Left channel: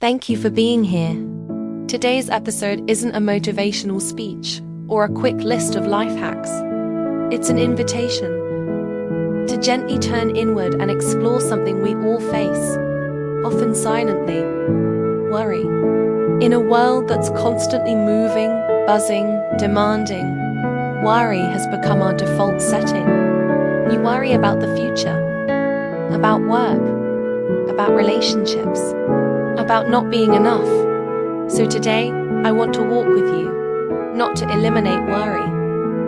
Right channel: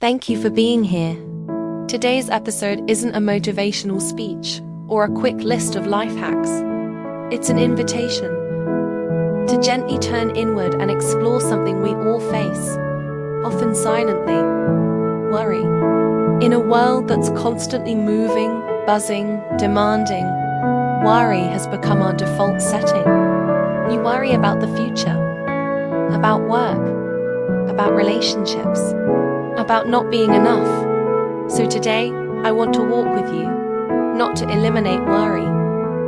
Thank you for being here. Today's episode isn't a motivational speech or a quick list of life hacks. It's an invitation to gently turn inward and explore something we all face, often silently: worry. In a world that's constantly moving, buzzing, demanding, worry has become our default setting. We worry about the future, about work, about relationships, about not being enough. So today, I want to walk with you, not to eliminate worry,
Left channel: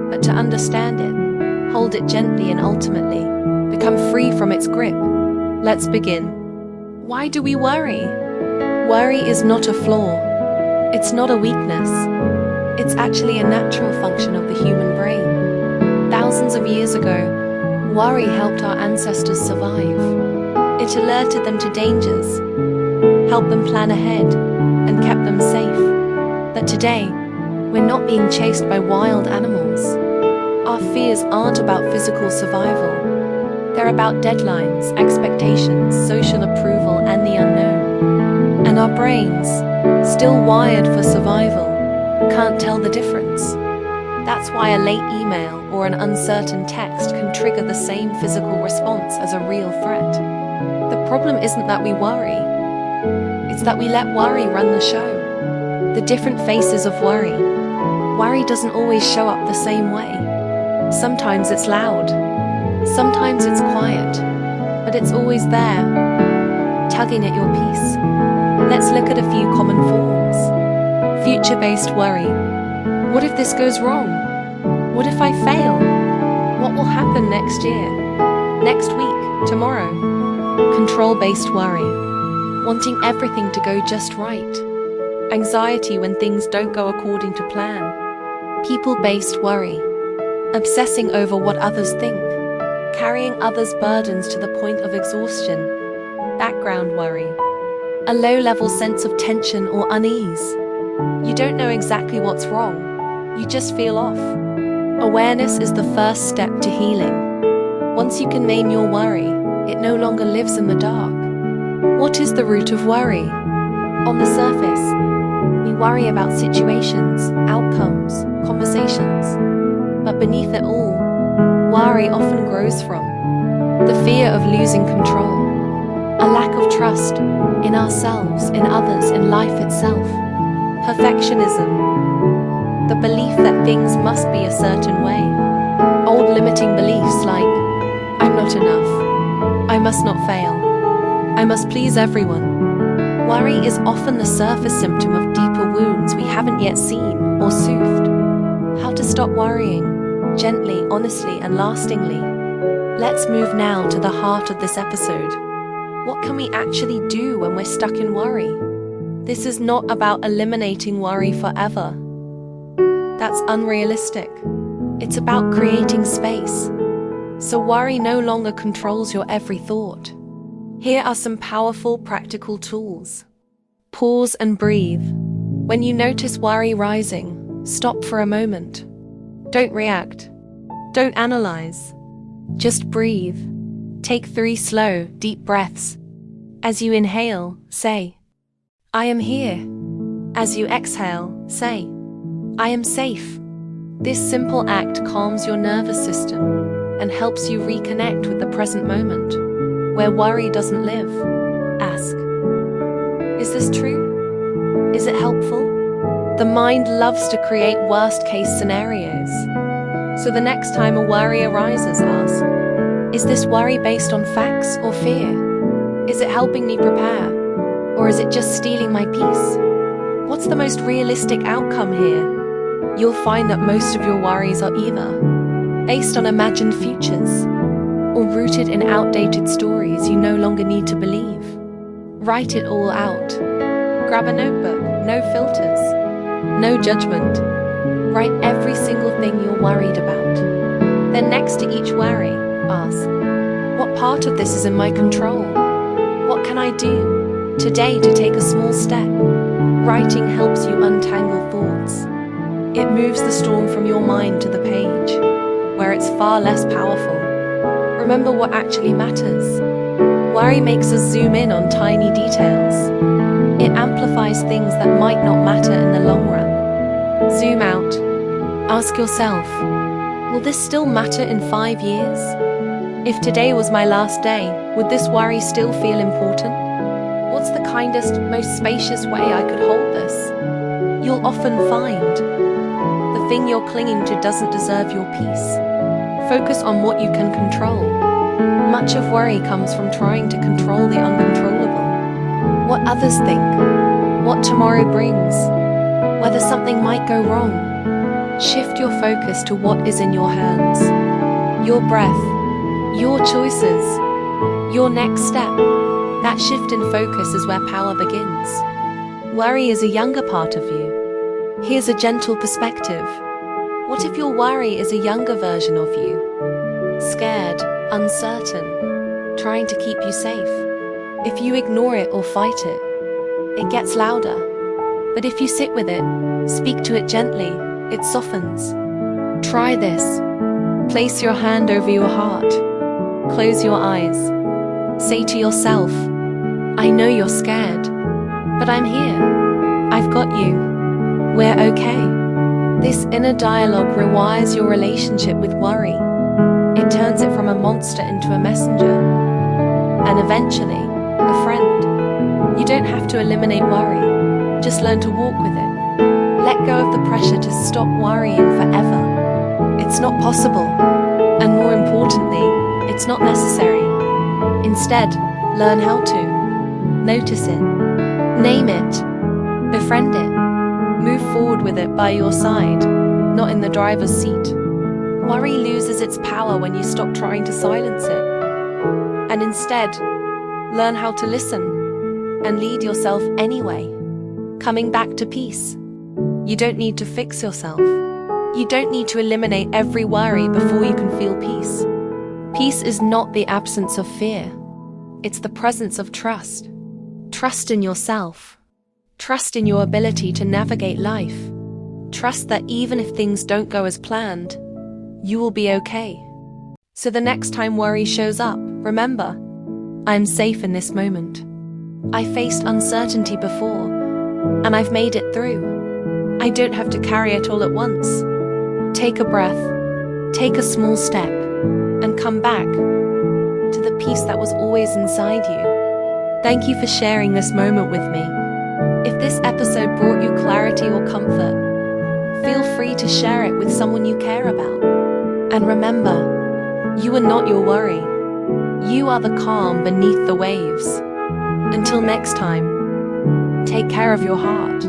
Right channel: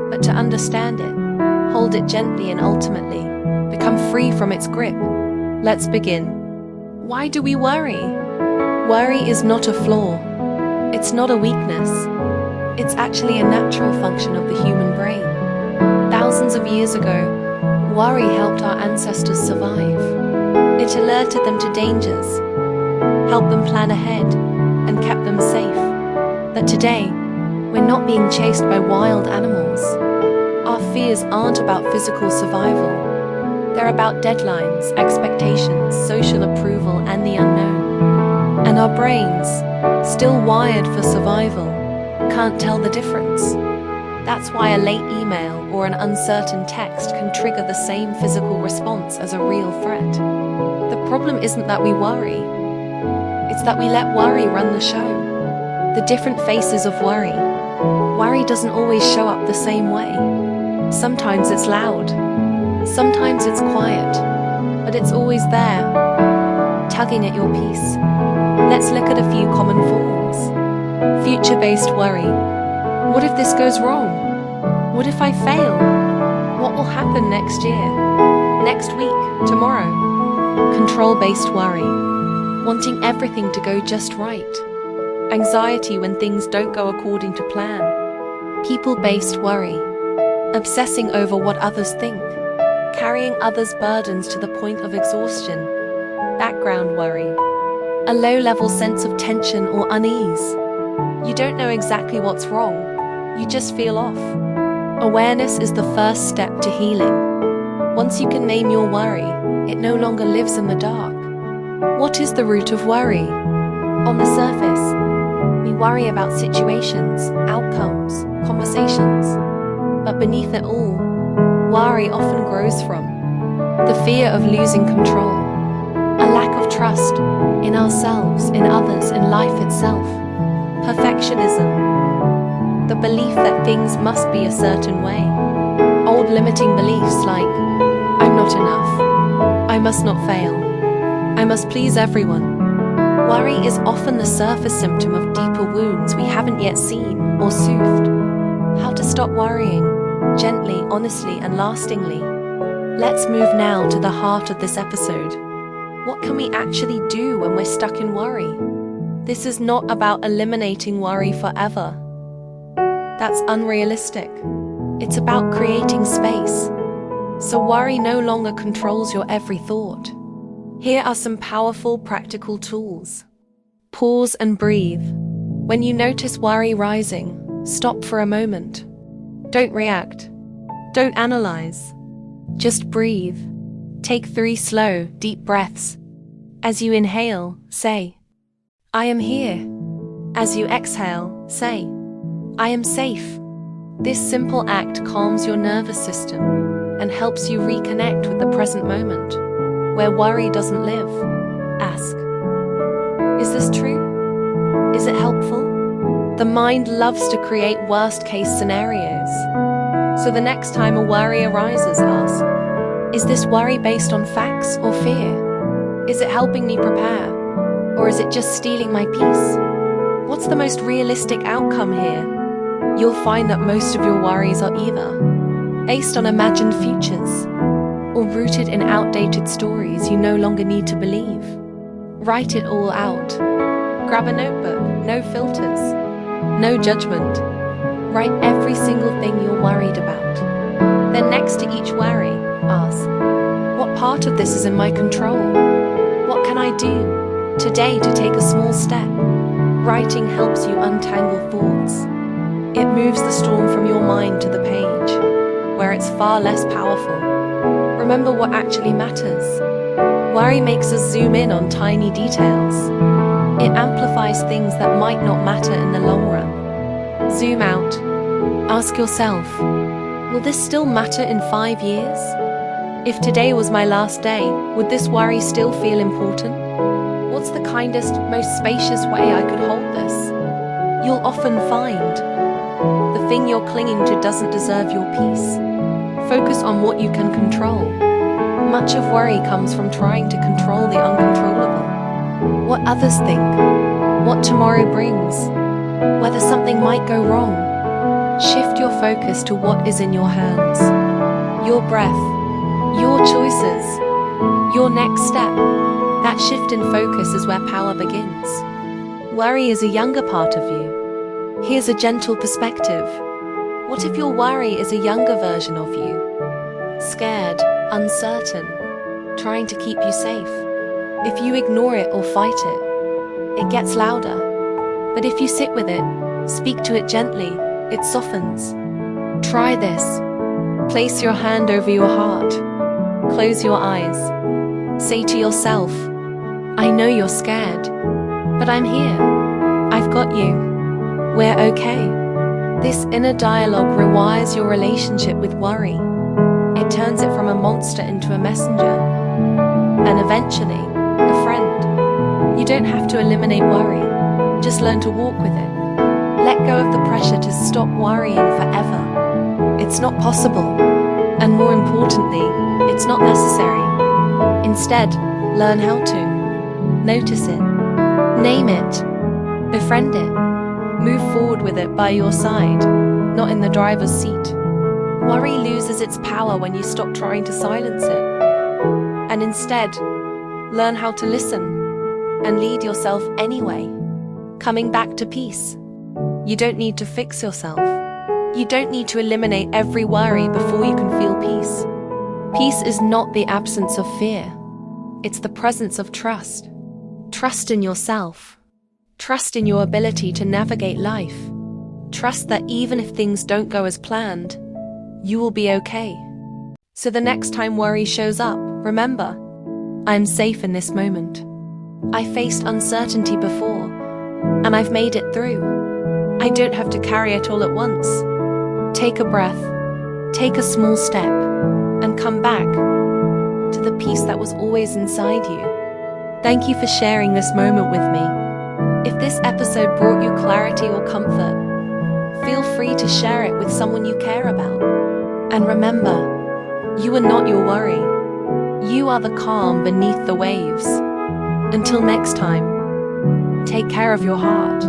but to understand it, hold it gently, and ultimately become free from its grip. Let's begin. Why do we worry? Worry is not a flaw. It's not a weakness. It's actually a natural function of the human brain. Thousands of years ago, worry helped our ancestors survive. It alerted them to dangers, helped them plan ahead, and kept them safe. But today, we're not being chased by wild animals. Our fears aren't about physical survival. They're about deadlines, expectations, social approval, and the unknown. And our brains, still wired for survival, can't tell the difference. That's why a late email or an uncertain text can trigger the same physical response as a real threat. The problem isn't that we worry. It's that we let worry run the show. The different faces of worry. Worry doesn't always show up the same way. Sometimes it's loud. Sometimes it's quiet. But it's always there, tugging at your peace. Let's look at a few common forms. Future-based worry. What if this goes wrong? What if I fail? What will happen next year? Next week? Tomorrow? Control-based worry. Wanting everything to go just right. Anxiety when things don't go according to plan. People-based worry. Obsessing over what others think. Carrying others' burdens to the point of exhaustion. Background worry. A low-level sense of tension or unease. You don't know exactly what's wrong. You just feel off. Awareness is the first step to healing. Once you can name your worry, it no longer lives in the dark. What is the root of worry? On the surface, we worry about situations, outcomes, conversations. But beneath it all, worry often grows from the fear of losing control, a lack of trust in ourselves, in others, in life itself. Perfectionism, the belief that things must be a certain way. Old limiting beliefs like, I'm not enough, I must not fail, I must please everyone. Worry is often the surface symptom of deeper wounds we haven't yet seen or soothed. How to stop worrying, gently, honestly, and lastingly. Let's move now to the heart of this episode. What can we actually do when we're stuck in worry? This is not about eliminating worry forever. That's unrealistic. It's about creating space, so worry no longer controls your every thought. Here are some powerful, practical tools. Pause and breathe. When you notice worry rising, stop for a moment. Don't react. Don't analyze. Just breathe. Take 3 slow, deep breaths. As you inhale, say, I am here. As you exhale, say, I am safe. This simple act calms your nervous system and helps you reconnect with the present moment, where worry doesn't live. Ask, is this true? Is it helpful? The mind loves to create worst-case scenarios. So the next time a worry arises, ask, is this worry based on facts or fear? Is it helping me prepare? Or is it just stealing my peace? What's the most realistic outcome here? You'll find that most of your worries are either based on imagined futures or rooted in outdated stories you no longer need to believe. Write it all out. Grab a notebook, no filters, no judgment. Write every single thing you're worried about. Then next to each worry, ask, what part of this is in my control? What can I do today to take a small step? Writing helps you untangle thoughts. It moves the storm from your mind to the page, where it's far less powerful. Remember what actually matters. Worry makes us zoom in on tiny details. It amplifies things that might not matter in the long run. Zoom out. Ask yourself, will this still matter in 5 years? If today was my last day, would this worry still feel important? What's the kindest, most spacious way I could hold this? You'll often find the thing you're clinging to doesn't deserve your peace. Focus on what you can control. Much of worry comes from trying to control the uncontrollable. What others think, what tomorrow brings, whether something might go wrong. Shift your focus to what is in your hands. Your breath, your choices, your next step. That shift in focus is where power begins. Worry is a younger part of you. Here's a gentle perspective. What if your worry is a younger version of you? Scared, uncertain, trying to keep you safe. If you ignore it or fight it, it gets louder. But if you sit with it, speak to it gently, it softens. Try this. Place your hand over your heart. Close your eyes. Say to yourself, I know you're scared, but I'm here. I've got you. We're okay. This inner dialogue rewires your relationship with worry. It turns it from a monster into a messenger, and eventually, a friend. You don't have to eliminate worry. Just learn to walk with it. Let go of the pressure to stop worrying forever. It's not possible. And more importantly, it's not necessary. Instead, learn how to. Notice it. Name it. Befriend it. Move forward with it by your side, not in the driver's seat. Worry loses its power when you stop trying to silence it. And instead, learn how to listen and lead yourself anyway. Coming back to peace. You don't need to fix yourself. You don't need to eliminate every worry before you can feel peace. Peace is not the absence of fear. It's the presence of trust. Trust in yourself. Trust in your ability to navigate life. Trust that even if things don't go as planned, you will be okay. So the next time worry shows up, remember, I'm safe in this moment. I faced uncertainty before, and I've made it through. I don't have to carry it all at once. Take a breath, take a small step, and come back to the peace that was always inside you. Thank you for sharing this moment with me. If this episode brought you clarity or comfort, feel free to share it with someone you care about. And remember, you are not your worry. You are the calm beneath the waves. Until next time, take care of your heart.